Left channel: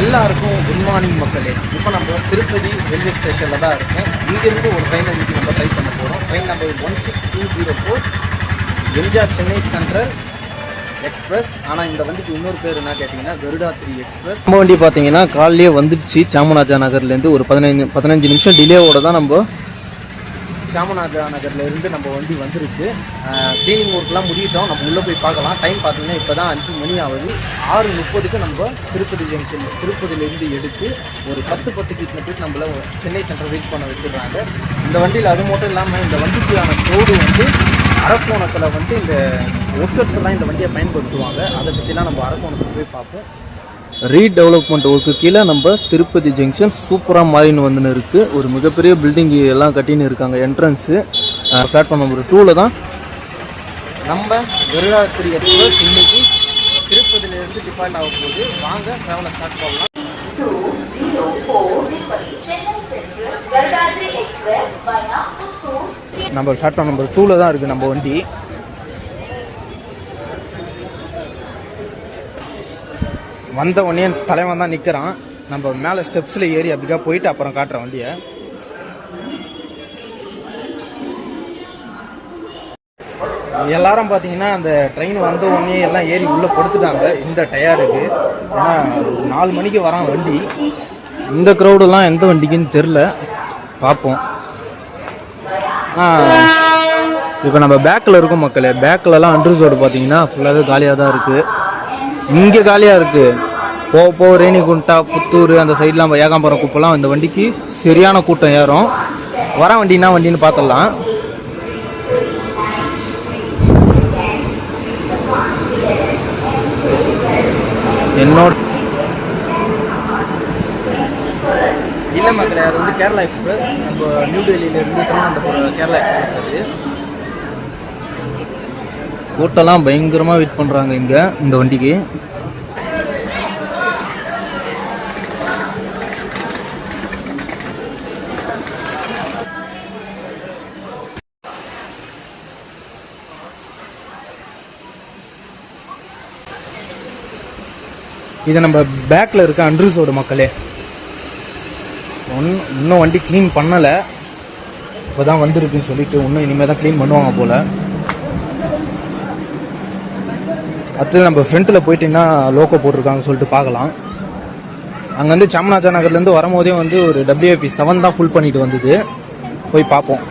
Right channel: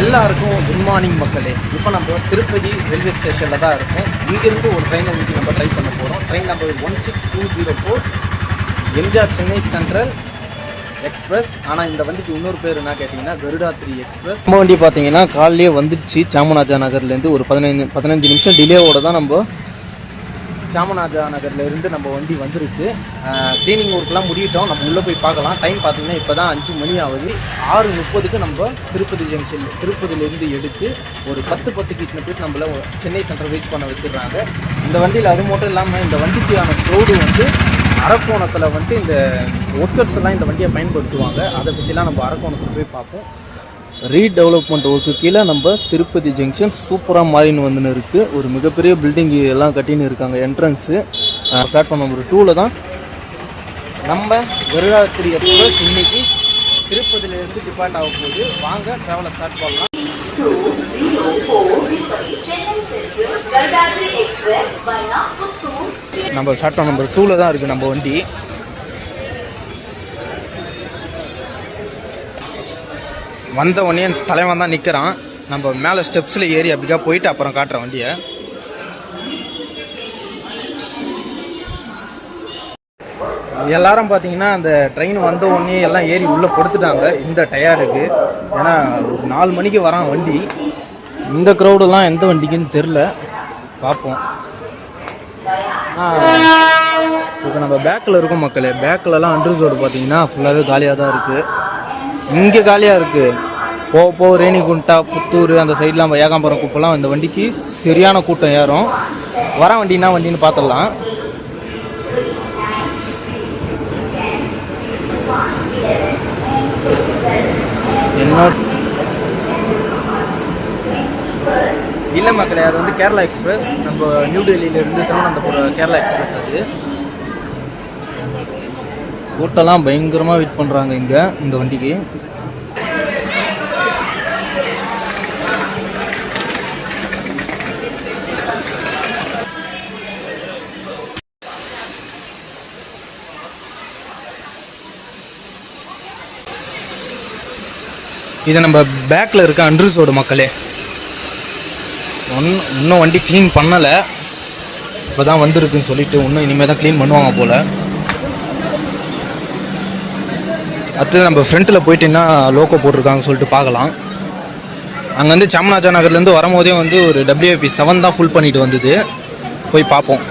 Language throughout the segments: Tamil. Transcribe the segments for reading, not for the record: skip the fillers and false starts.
எல்லாருக்கும் குட் மார்னிங் மக்களே. இப்போ நம்ம திருப்பதி ரயில்வே ஸ்டேஷனில் தான் இருக்கோம். இங்கேருந்து ஒரு ட்ரெயினை இன்றைக்கி நம்ம ட்ரை பண்ண போகிறோம். Train number 16204 MGR Chennai central express. ஆனால் இந்த வண்டிக்கு இன்னொரு பேர் என்ன கேட்டிங்கன்னா கருடாத்ரி எக்ஸ்பிரஸ். நம்ம வண்டி பார்த்தீங்கன்னா காலையிலே வந்துடுச்சு. சாமராஜா நகர்லேருந்து ஒரு 15 நிமிஷம் டிலேவோட தான் நம்ம சாமராஜா நகர்லேருந்து நம்ம வண்டி வந்துருக்கு. க்ளீனிங் ஒர்க்லாம் முடியிட்டோம். நம்ம உள்ளே போய் பார்க்கலாம். டைம் பார்த்தீங்கன்னா இப்போ தான் 5 மணி ஆகுது. 6:30க்கு நம்ம திருப்பதி ஜங்ஷன் திருப்பதியிலேருந்து எடுத்து ஒரு 10:10க்கு இத்தனை பேர் நம்மள சென்னை சென்ட்ரல் ரீச் பண்ண வச்சிடுறாங்க. இந்த வண்டியில் அது மட்டும் இல்லாமல் இந்த வண்டிக்கான க்ரௌடு வந்து அரக்கோணத்தில் வந்து இந்த ஒர்க்கர்ஸ் எல்லாம் இந்த வண்டியை பயன்படுத்துவாங்க. அதை பற்றிலாம் நம்ம அரக்கோணத்தில் போய் பார்ப்போம். ரீடெவலப்மெண்ட் ஒர்க்கு கீழே நம்ம திருப்பதி ஜங்ஷன் சூப்பராக மாறின்னு வந்துன்னு இருக்குது. ஒரு மிகப்பெரிய பில்டிங் எல்லாம் கட்டின்னு இருக்காங்க. என்ட்ரன்ஸு பிளாட்ஃபார்ம் நம்பர் 2ல் தான் நம்ம கருடாத்ரி எக்ஸ்பிரஸ் இன்னைக்கு திருப்பதியிலேருந்து டிபார்ட் ஆக போகுது. வாங்க ட்ராவலை ஸ்டார்ட் பண்ணலாம். நம்ம பிளாட்ஃபார்ம் நம்பர் 2ல் தான் இருக்குது நம்ம வண்டி. வந்த உடனே தலைவன் தான் நிற்கிறான். நம்ம மேலே ஸ்டெப்ஸில் ஏறி அப்படிக்கா போயிட்டு அப்புறம் காட்டுற வண்டியை. எல்லாரும் பார்த்தீங்கன்னா அந்த ட்ரெயின் வந்த உடனே எல்லாம் ஏறி உள்ளே படுத்துட்டாங்க இந்த டயர்டுக்கு. ஏன்னா ஒரு 4 மணிக்கு வரான் வண்டி. இந்த க்ரௌடெல்லாம் எந்த வண்டிக்குன்னு தெரில, பார்ப்போம். இப்போ நம்ம பேக்கில் இருக்கோம் மக்களே. பேக்கிலலாம் அண்டர் ரோடு பார்த்தீங்கன்னா ஃபுல்லாகவே காலியாக தான் இருக்குது. இங்கே காலியாக இருக்குது. போக ரேணிகுண்டா புத்தூர் அந்த சைட்லாம் ஏகாம்பரம் குப்பெல்லாம் இந்த வண்டிக்கு சரியான கூட்டம் ஏறும். வர வண்டின்னா வண்டின்னு பார்த்துடலாம். என்னோட இல்லை மக்களே, அது வந்து கேரளா எக்ஸ்பிரஸ். நம்ம நியூ டெல்லியிலேருந்து திருவனந்தபுரம் கேரளா எக்ஸ்பிரஸ். அது கூட்டம்லாம் பயங்கரமாக வெயிட் பண்ணுறாங்க இங்கே இந்த வண்டிக்கு. இது நம்ம பேக்கில் இருக்க அண்ட்ரூஸோட மக்களே. இன்னும் வண்டி க்ளீன் பண்ணலை. இப்போ தான் வந்திருக்குன்னு சொல்லிட்டு இன்னும் இனிமேல் தான் க்ளீன் பண்ணுவாங்க போல். அடுத்து நம்ம ஃப்ரண்ட்டில் போயிட்டுன்னா லோக்கோ போட்டிருக்காங்கன்னு சொல்லிட்டு பார்க்கலாம். அங்கே வந்து சாமராஜா நகர்லேருந்து வரும்போதே வந்து ஒரு WIP 7 தான் ஃபுல் பண்ணிட்டு வந்தது. போய் பார்ப்போம்.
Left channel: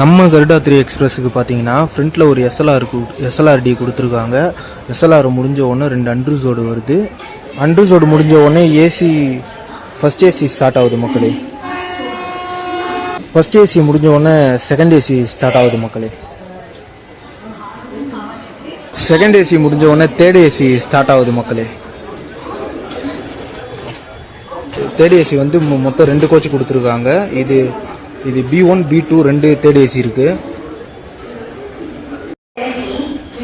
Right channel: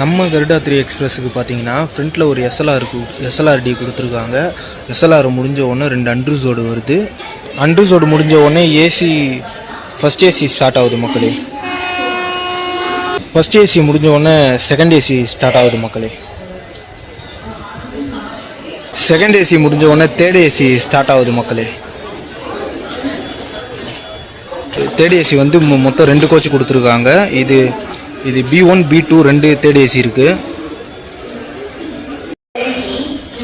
நம்ம கருடாத்ரி எக்ஸ்பிரஸுக்கு பார்த்தீங்கன்னா ஃப்ரண்ட்டில் ஒரு SLRD கொடுத்துருக்காங்க. SLR முடிஞ்ச உடனே 2 அண்ட்ரூஸோடு வருது. அண்ட்ரூஸோடு முடிஞ்ச உடனே ஃபஸ்ட் ஏசி ஸ்டார்ட் ஆகுது மக்களே. ஃபஸ்ட் ஏசி முடிஞ்ச உடனே செகண்ட் ஏசி ஸ்டார்ட் ஆகுது மக்களே. செகண்ட் ஏசி முடிஞ்ச உடனே தேர்ட் ஏசி ஸ்டார்ட் ஆகுது மக்களே. தேர்ட் ஏசி வந்து மொத்தம் 2 கோச் கொடுத்துருக்காங்க. இது B1 B2 2 தேர்ட் ஏசி இருக்குது.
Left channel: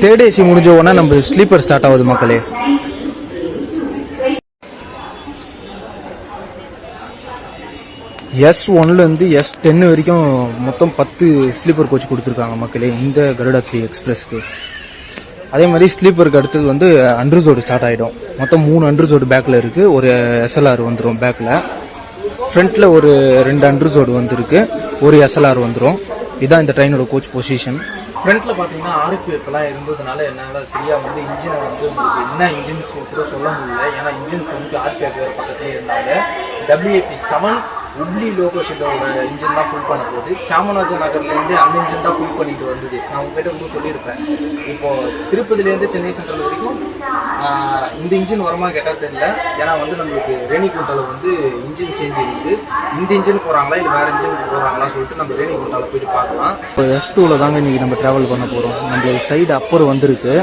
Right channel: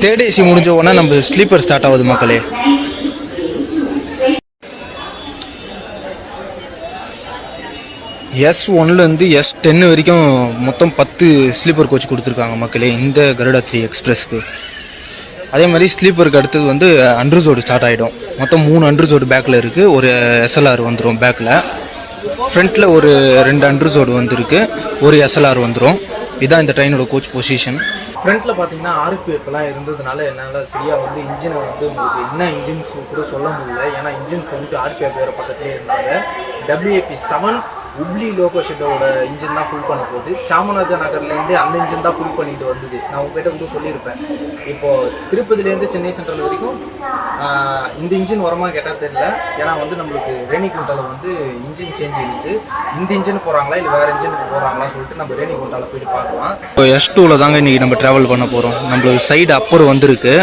தேர்ட் ஏசி முடிஞ்ச உடனே நம்ம ஸ்லீப்பர் ஸ்டார்ட் ஆகுது மக்களே. S1லேருந்து S10 வரைக்கும் மொத்தம் 10 ஸ்லீப்பர் கோச் கொடுத்துருக்காங்க மக்களே இந்த கருடாத்ரி எக்ஸ்பிரஸ்க்கு. அதே மாதிரி ஸ்லீப்பருக்கு அடுத்தது வந்து அண்ட்ரூஸோடு ஸ்டார்ட் ஆகிடும். மொத்தம் 3 அண்ட்ரூஸோடு பேக்கில் இருக்குது. ஒரு SLR வந்துடும் பேக்கில். ஃப்ரண்ட்டில் ஒரு 2 அண்ட்ரூஸோடு வந்துருக்கு. ஒரு SLR வந்துடும். இதுதான் இந்த ட்ரெயினோட கோச் பொசிஷன். ஃப்ரண்ட்டில் பார்த்தீங்கன்னா RPF இருந்ததுனால என்னால் சரியாக வந்து இன்ஜினை வந்து உங்களுக்கு என்ன இன்ஜின் கூட சொல்ல முடியல. ஏன்னா இன்ஜின்ஸ் வந்து RPF வேறு பக்கத்துலேயே இருந்தாங்க. WIP 7 உப்ளி லோகோ ஷெட்டோட இன்ஜின் தான் ஃபுல் பண்ண போகுது. சாமராஜா நகர்லேருந்து அந்த இன்ஜின் தான் ஃபுல் பண்ணிட்டு வந்தது. நான் உங்ககிட்ட கூட சொல்லியிருப்பேன். இப்போது திருப்பதிலேருந்து சென்னை சென்ட்ரல் வரைக்கும் இந்த இன்ஜின் வரமா கேட்டால் தெரியல. ஏன்னா வந்து நம்மளுக்கு ரேணிகுண்டாவில் வந்து இன்ஜின் சேஞ்ச் இருக்குது. இந்த இன்ஜின் போகிறாங்களா இல்லை வேறு இன்ஜினுக்கு போகிறாங்களான்னு சொல்லிட்டு நம்ம ரேணிகுண்டாவில் போயிட்டு பார்க்கலாம். இப்போ S2வில் தாங்க இன்றைக்கி நம்ம ட்ராவல் பண்ண போகிறோம். நம்மளுக்கு சைடு அப்பர் வந்திருக்கு.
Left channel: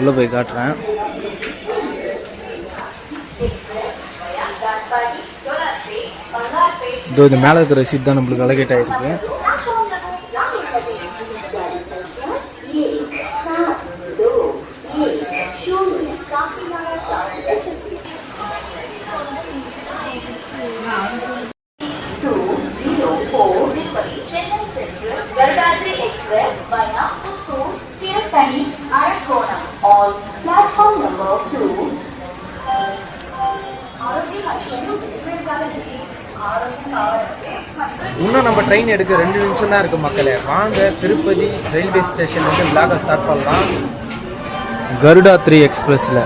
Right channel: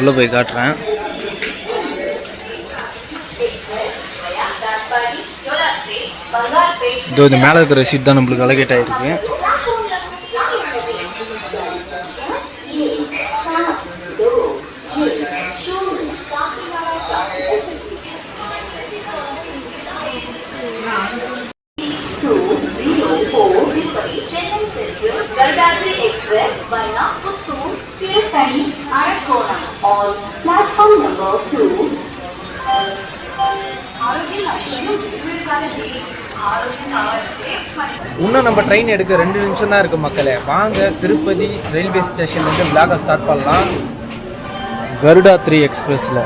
உள்ளே போய் காட்டுறேன். இதோ இந்த மேலே இருக்கிற சீட் தான் நம்மளுக்கு அலகேட் ஆகிருக்கு. இன்னும் நம்ம ட்ரெயின் எடுக்க 2 நிமிஷம் தான் இருக்குது மக்களே. வாங்க திருப்பதி ரயில்வே ஸ்டேஷன்லேருந்து விளாக ஸ்டார்ட் பண்ணலாம் கருடா 3 எக்ஸ்பிரஸில்.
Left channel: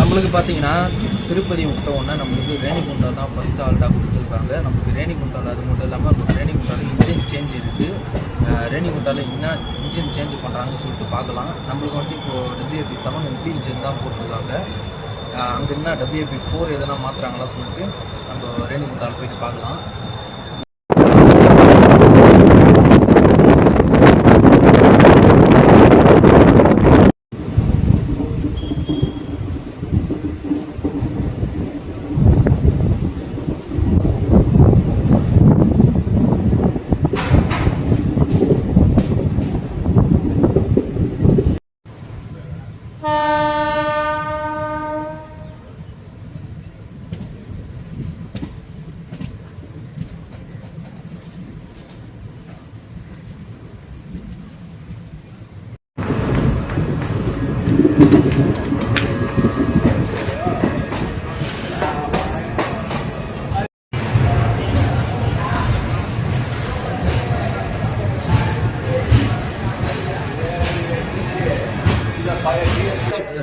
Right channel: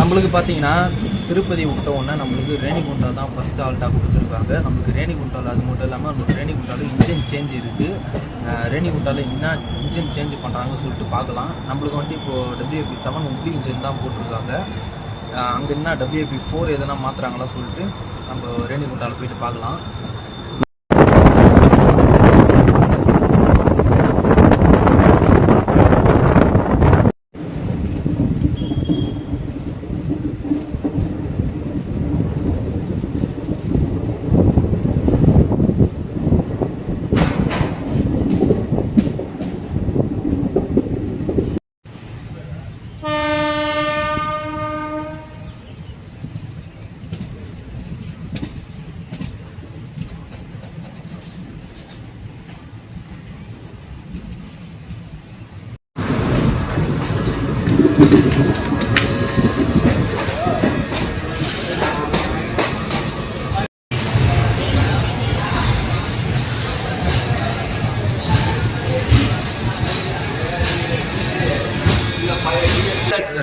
நம்மளுக்கு பார்த்தீங்கன்னா திருப்பதி விட்டோன்னா நம்மளுக்கு ரேணிகுண்டா தான் ஃபஸ்ட்டு ஆல்ட்டாக கொடுத்துருக்காங்க. நம்மளுக்கு ரேணிகுண்டாவில் அது மட்டும் இல்லாமல் ரேணிகுண்டாவில் இன்ஜின் சேஞ்ச் இருக்குது. ரேணிகுண்டாவில் என்ன இன்ஜின் சேஞ்ச் பண்ணுறாங்கன்னு சொல்லிட்டு பார்க்கலாம். நம்மளுக்கு வந்து இப்போது WFP7 உட்லி இன்ஜின் தான் போட்டிருக்காங்க. அங்கே என்ன WFP4 எதனா மாற்றுறாங்களா சொல்லிட்டு நம்ம ரேணிகுண்டாவில் போயிட்டு பார்க்கலாம்.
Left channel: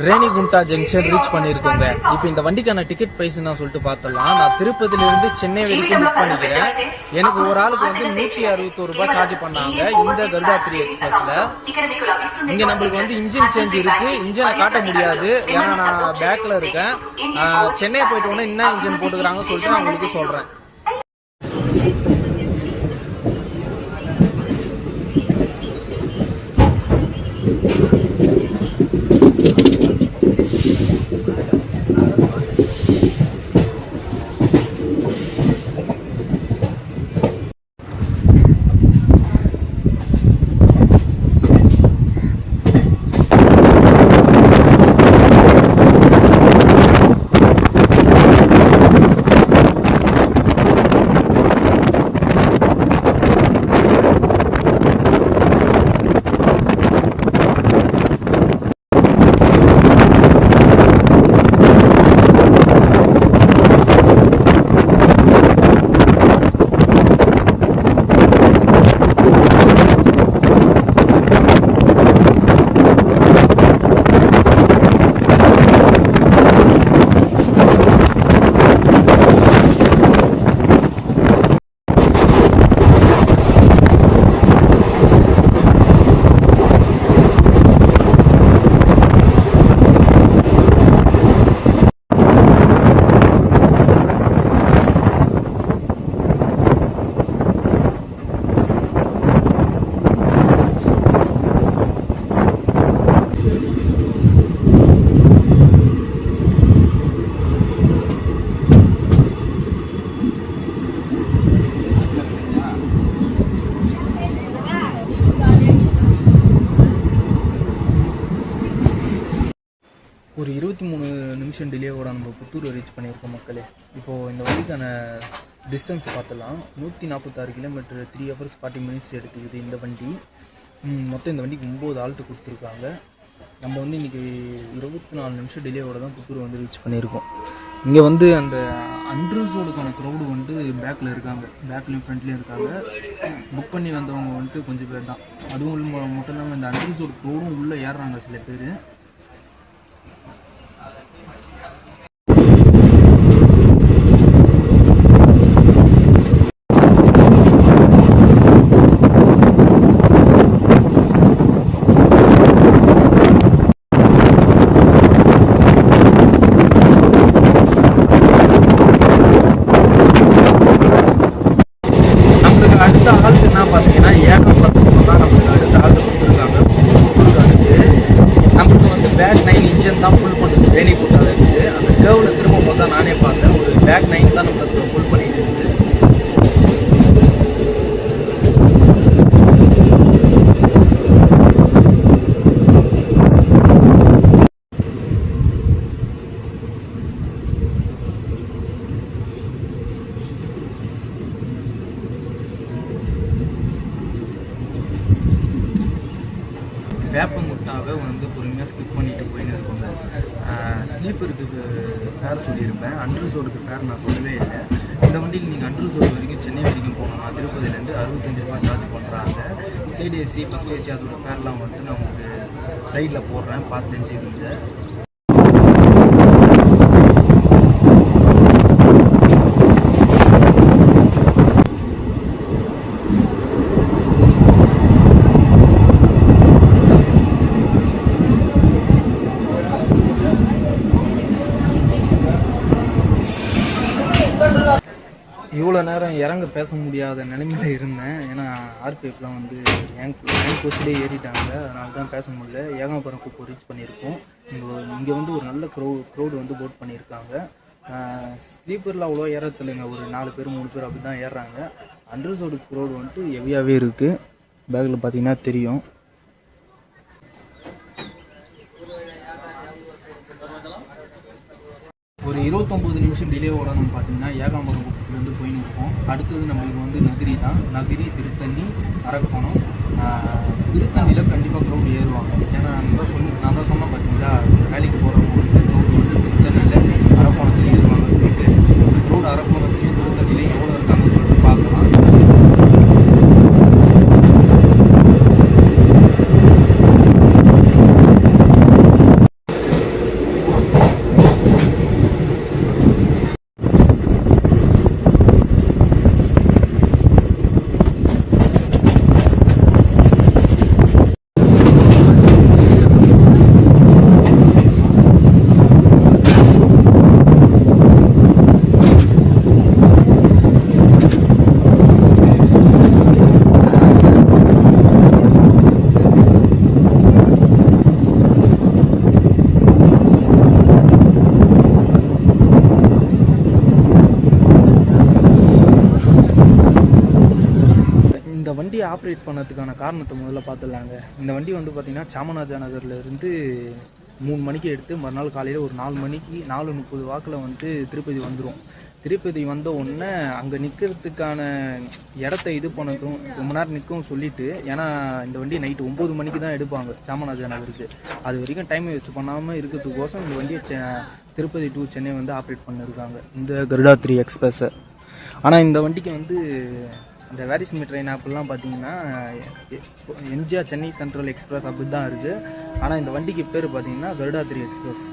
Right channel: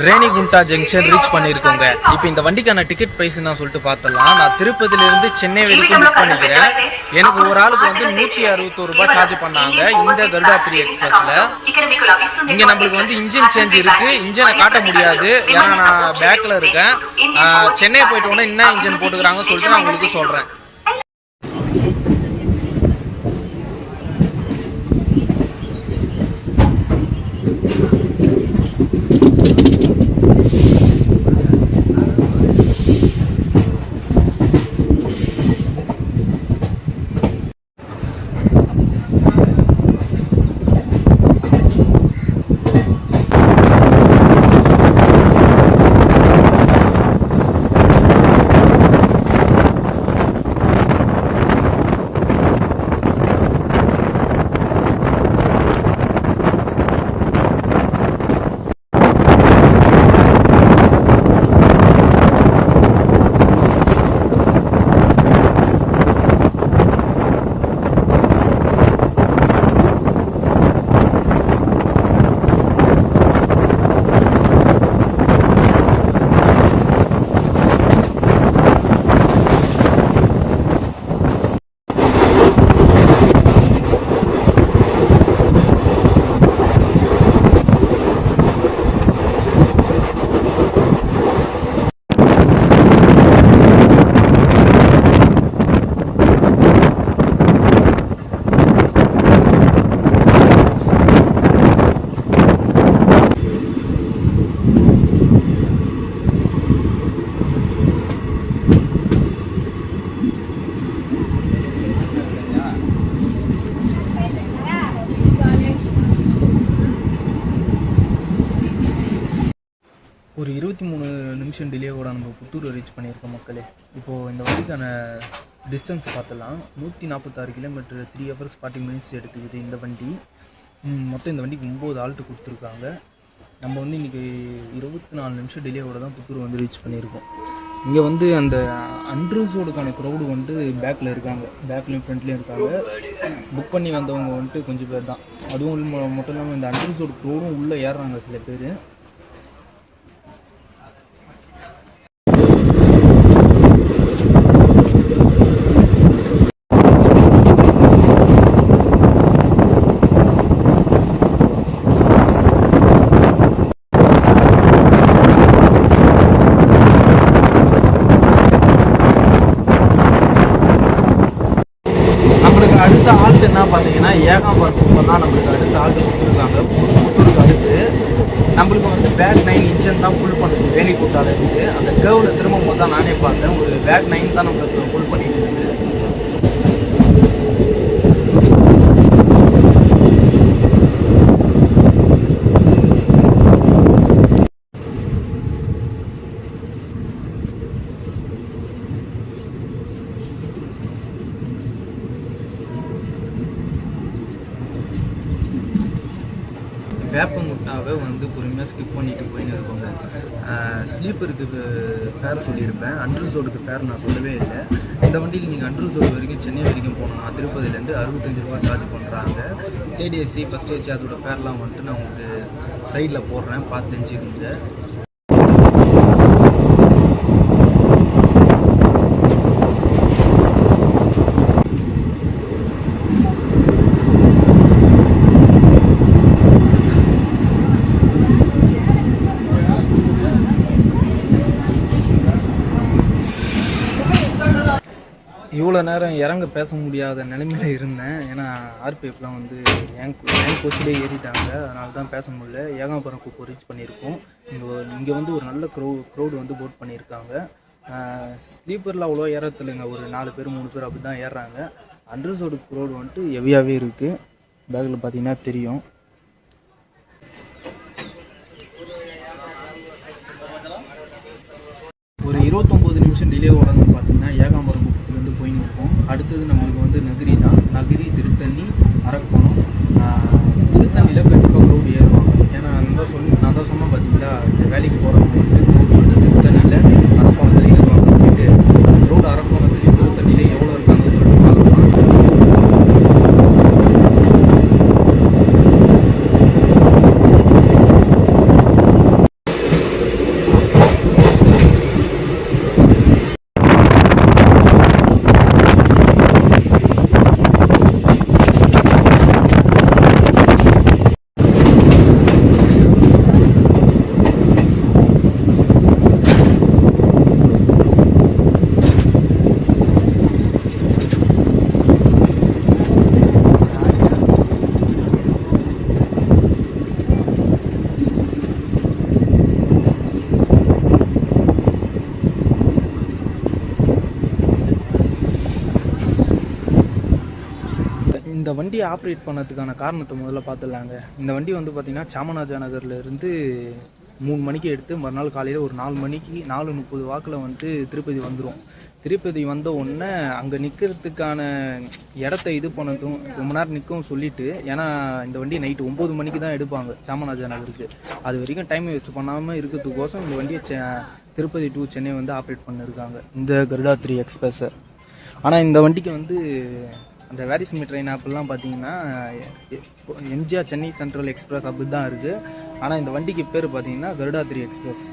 ரேணிகுண்டா ஜங்ஷன் ரீச் பண்ணியிருக்கோங்க. இப்போ இந்த வண்டிக்கான டிக்கெட் ப்ரைஸ் நான் சொல்லிட்டு பார்த்தலாம். நான் திருப்பதியிலேருந்து சென்னை வரைக்கும் புக் பண்ணிக்கிறேன். எனக்கு ஒரு ஆளுக்கு வந்து 161 ரூபாய் சார்ஜ் பண்ணாங்க இந்த கருடா 3 எக்ஸ்பிரஸில். இங்கே நம்மளுக்கு வந்து இன்ஜின் சேஞ்ச் இருக்குது. இன்ஜினை காட்ட முடியாது ஏன்னா நான் பேக்கில் இருக்கேன். சென்னை போயிட்டு உடனே என்ன இன்ஜின் போட்டுக்கிறாங்கன்னு சொல்லிட்டு நான் உங்களுக்கு சொல்கிறேன். ஒரு 23 நிமிஷம் டிலேவோட நம்ம புத்தூர் ரீச் பண்ணியிருக்கோம் மக்களே. இப்போது இந்த வண்டிக்கான டிஸ்டன்ஸ் பார்த்துலாம். 146 கிலோமீட்டர் 3 hours 40 minutes எடுத்துக்குது இந்த வண்டி. மொத்தம் இந்த வண்டிக்கு 9 ஆல்ட்டு கொடுத்துருக்காங்க. நம்ம வந்து இன்றைக்கி 24 நிமிஷம் டிலேவோட தான் புத்தூர் வந்து ரீச் பண்ணியிருக்கோம். இங்கே வந்து அந்த அன்ரிசர்வ்டுக்கான க்ரௌடு வந்து பேக்கில் இருக்காங்க, பேக்லேயும் ஃப்ரண்ட்லேயும் இருக்காங்க. புக் பண்ணி வந்தவங்க வந்துட்டு கொஞ்சம் பேர் தான். அதுவும் மட்டும் இல்லாமல் இந்த அன்ரிசர்வ்டு க்ரௌடும் உள்ளே ஏறுறாங்க சில பேர். நம்மளுக்கு அடுத்த ஆல்ட் என்ன பார்த்தீங்கன்னா ஏகாம்பரம் தான் நம்மளுக்கு அடுத்த ஆல்ட்டு கொடுத்துருக்காங்க. புத்தூருக்கு அடுத்து நம்மளுக்கு வந்து பேக் 9 இன்ஜின் தான் ஃபுல் பண்ணுது. வேலி கூட்டால இருக்குது. அந்த கேர்வில் திரும்பும் போது தான் நானே பார்த்தேன், ஒரு பேக் 9 தான் நம்மளுக்கு ஃபுல் பண்ணிட்டு இருக்குது. வேப்பமுட்டாவை வந்து பொறுமையாக ஸ்கிப் பண்ணிட்டு போயின்னு இருக்கோங்க. ஸ்லீப்பருக்கு ஃபேர் சொல்லியிருப்பேன், அன்ரிசர்வ்டுக்கு ஃபேர் நான் சொல்லவே இல்லை. இந்த வண்டியில் நீங்கள் அன்ரிசர்வ் வரைக்கும் சென்னை வரைக்கும் போனோம்னா திருப்பதிலேருந்து 65 ரூபா சார்ஜ் பண்ணுறாங்க. தேர்ட் ஏசி ஃபஸ்ட் ஏசி அதோட ஃபேர்லாம் வந்துட்டு நான் உங்களுக்கு சைடில் போடுறேன், பார்த்து தெரிஞ்சுக்கிங்க. இவ்வளோ நேரம் இறங்க பேச முடியாத நிலைமையில் இருந்தேன். ஏன்னா ஆர்பிஎஃப்லாம் வந்து என் கோச்சிலே ஏறிட்டாங்க, அதனால தான் பேச முடியல. ஏகாம்பரம் குப்பை ரீச் பண்ணியிருக்கோம். இங்கே வந்து ஒரு நல்ல க்ரௌடு வந்து போட் பண்ணியிருக்காங்க. ஸ்லீப்பரில் அவ்வளோ ஏறத்தில்லைங்க, ஒரு 4 பேர் 3 பேர் அப்படி தான் ஏறுறாங்க. அண்டர்சோடு க்ரௌடு வந்துட்டு ஹெவியாகவே இருக்குது. பேக்கில் பார்த்தீங்கன்னா தெரியும். ஒரு 29 நிமிஷம் டிலே ஓடணும்னு பார்த்தீங்கன்னா ஏகாம்பரம் குப்பத்துலேருந்து போயின்னு இருக்கோம். அடுத்தது நம்மளுக்கு வந்து நகரி தான். நகரி, திருத்தண்ணி, அரக்கோணம். திருத்தண்ணியில் கண்டிப்பாக க்ரௌடு ஏறுவாங்க. ஏன்னா நான் தான் சொன்னேன் பார்த்தீங்களா, வேலைக்கு போகிறவங்க வந்து க்ரௌடு வந்து திருத்தண்ணியில் அரக்கோணத்தில் ஏறுவாங்க சொல்லிட்டு. அந்த க்ரௌடு அரக்கோணத்துலேயும் திருத்தண்ணியில் எவ்வளோ இருக்காங்கன்னு சொல்லிட்டு பார்க்கலாம். இந்த வண்டியை ஆப்ரேட் பண்ணதுக்கான காரணத்தை முதல்ல பார்த்துடலாங்க. இந்த வண்டி வந்து பார்த்திங்கன்னா சாமராஜா நகர்லேருந்து 3 மணிக்கு எடுத்து மறுநாள் காலையில் ஒரு 4 மணிக்கு 4:30 வாக்கில் வந்துட்டு திருப்பதி வந்துடும். திருப்பதி வந்த உடனே அங்கே நிற்கிறதுக்கான இடத்த இது பண்ணதும் ரொம்ப நேரம் நிற்கும் சொல்லிவிட்டு, ஏன்னா இந்த வண்டி நைட்டு 9 மணிக்கு தான் எடுப்பாங்க சாமராஜா நகருக்கு. அது வரைக்கும் டைம் வேஸ்ட் பண்ணாமல் இருக்கிறதுக்கோசம் இந்த வண்டியை திருப்பதி டு சென்னை வந்து ஆப்ரேட் பண்ணியிருக்காங்க, இந்த கருடா 3 எக்ஸ்பிரஸை. ஆனால் இந்த வண்டிக்கு வந்து அந்த வேரிஸ்மி ட்ரெயின் ஆப்லாம் பார்த்தீங்கன்னா எம்ஜிஆர் சென்னை சென்ட்ரல் எக்ஸ்பிரஸ் அப்படி தான் இருக்குது. ஆனால் இந்த வண்டிக்கு பேர் பார்த்தீங்கன்னா கருடா 3 எக்ஸ்பிரஸ்.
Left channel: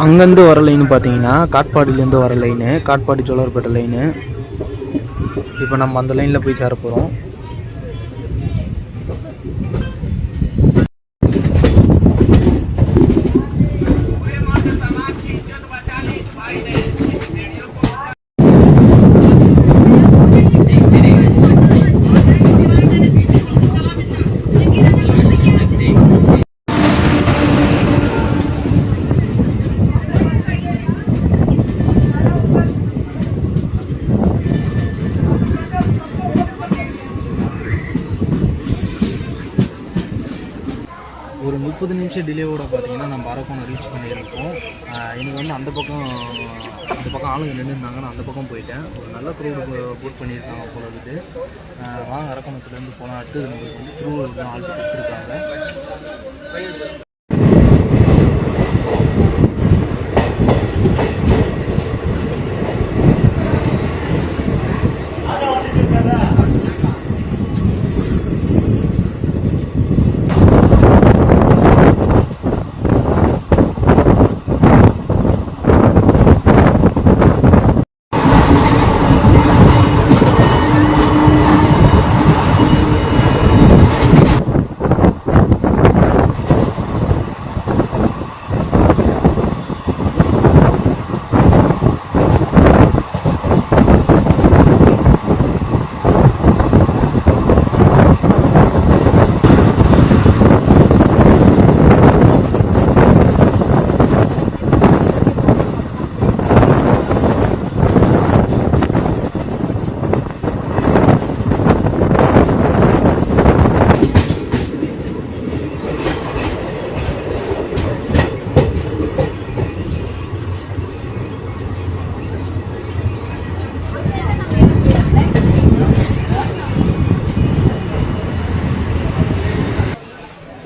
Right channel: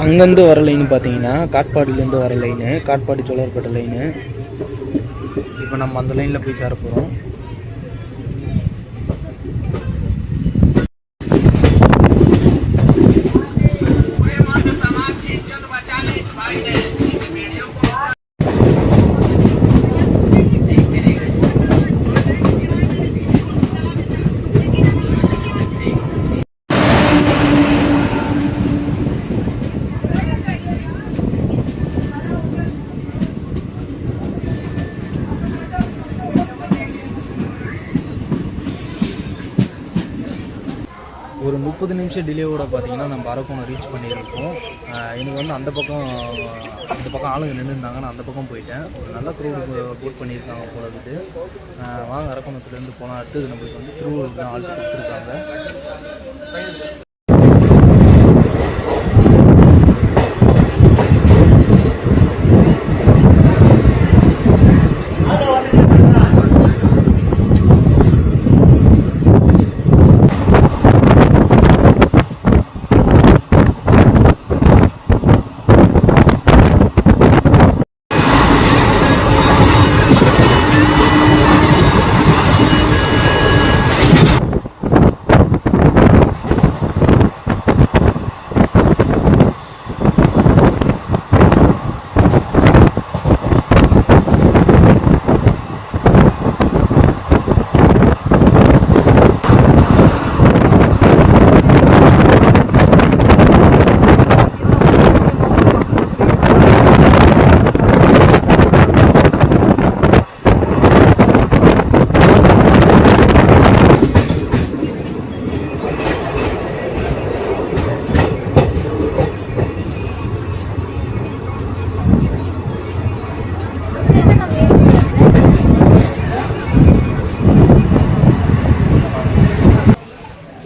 அங்கேருந்து வர லைன் பார்த்தீங்கன்னா காட்பாடியிலேருந்து வர லைனு, காட்பாடி ஜோலார்பேட்டை லைனு. இப்போ நம்ம அந்த லைனில் போய் சேர போகிறோம். ஒரு 30 நிமிஷம் டிலேவோட பார்த்தீங்கன்னா நம்ம அரக்கோணம் ரீச் பண்ணியிருக்கோம். எனக்கு வந்து அந்த பக்கம் ஆளுங்க நின்றுருந்தாங்க. நான் அந்த பக்கம் போயிட்டேன். ஒரு நல்ல க்ரௌடு போட் பண்ணியிருக்காங்க போல இருக்குது. வாங்க அரக்கோணத்துலேருந்து போனால் அடுத்தது நம்மளுக்கு வந்து திருவள்ளூர் தான் ஆல்ட்டு கொடுத்துருக்காங்க.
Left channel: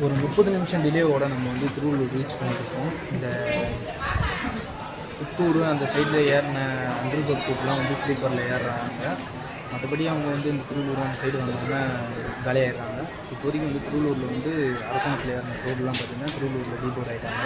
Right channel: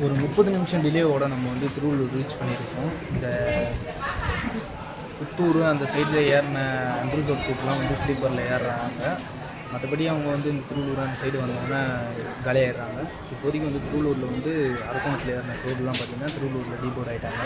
ஒரு 30 நிமிஷம் டிலேவோட நம்ம வந்து திருவள்ளூர் ரீச் பண்ணியிருக்கோம். இந்த புத்தூர் அந்த சைடில் ஏறின அன்ரிசர்வ் கூட்டெலாம் வந்து ஸ்லீப்பரில் ஏறுறாங்க. மற்றபடி அவங்க வந்து இந்த திருவள்ளூர் அந்த சைடு வந்தோடனே காலியாகிடுறாங்க. இப்போதைக்கு வந்து திருவள்ளூரில் வந்து அரக்கோணத்தில் ஏறின ரோடெலாம் பார்த்திங்கன்னா திருவள்ளூரில் டீபோர்ட் ஆகிட்டாங்க.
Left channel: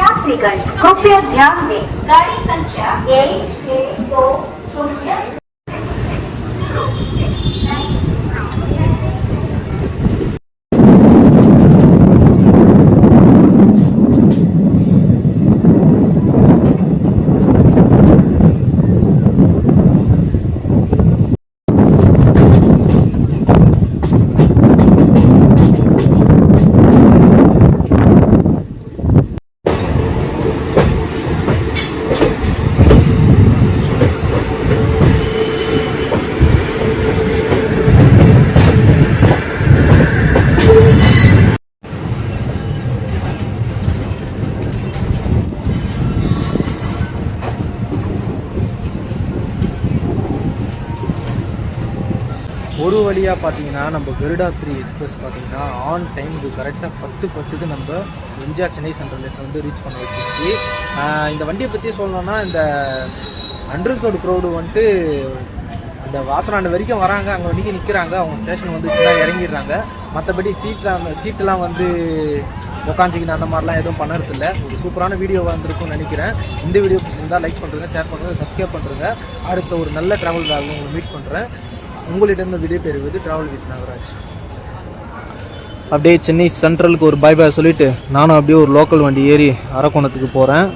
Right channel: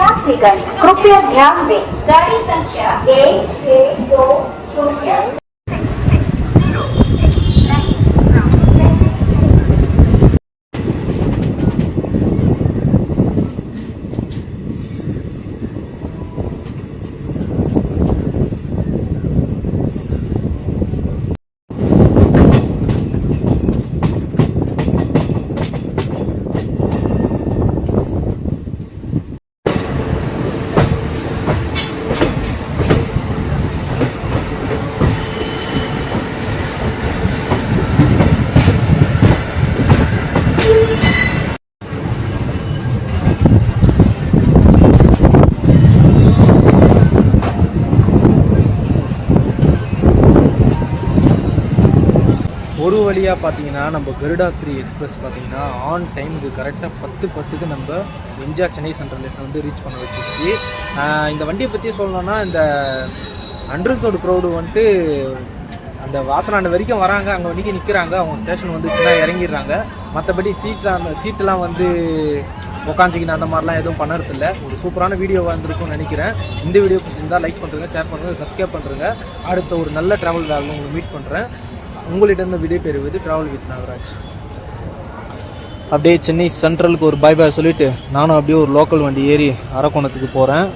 यात्रीगण कृपया ध्यान दें, गाड़ी संख्या 1620 ஒரு வழியாக பார்த்தீங்கன்னா நம்ம கருடா 3 எக்ஸ்பிரஸ் பார்த்தீங்கன்னா ஆன் டைமுக்கு கரெக்டாக 10:10க்கு நம்ம எம்ஜிஆர் சென்னை சென்ட்ரல் வந்து ரீச் பண்ண வச்சிருச்சு. இந்த வண்டியை பற்றி சொல்லணும்னா இந்த அண்டர்சோடு க்ரௌடு வந்துட்டு அந்த வாசனாண்ட வரைக்கும் வராங்க, அங்கே வண்டிக்கு நிற்கிறாங்க, அவங்க ஸ்டேஷன் வந்துச்சுன்னா இறங்கிடுறாங்க. மற்றபடி சீட்டெலாம் வந்து உக்காஞ்சிக்கின்னு அந்த மாதிரிலாம் எதுவும் பண்ணுறதில்ல. ஒரு சூப்பரான வீடியோ வந்திருக்கும்னு நினைக்கிறேன். இந்த வீடியோ பிடிச்சிருந்தால் லைக் பண்ணுறேங்க, ஷேர் பண்ணுங்கள், சப்ஸ்கிரைப் பண்ணுறேங்க. அடுத்த ஒரு நல்ல ட்ராவல் விலாகில் உங்களை மீட் பண்ணுறேன். உங்களிடம் விடை பெறுவது ட்ராவல் வித் நாகராஜ். அப்படியே சென்னை சென்ட்ரலுக்கு ஒரு பாய் சொல்லிவிட்டு நானும் அப்படியே ஒரு லோக்கல் வண்டி ஏறி அரக்கோணத்துக்கு போகிறேன்.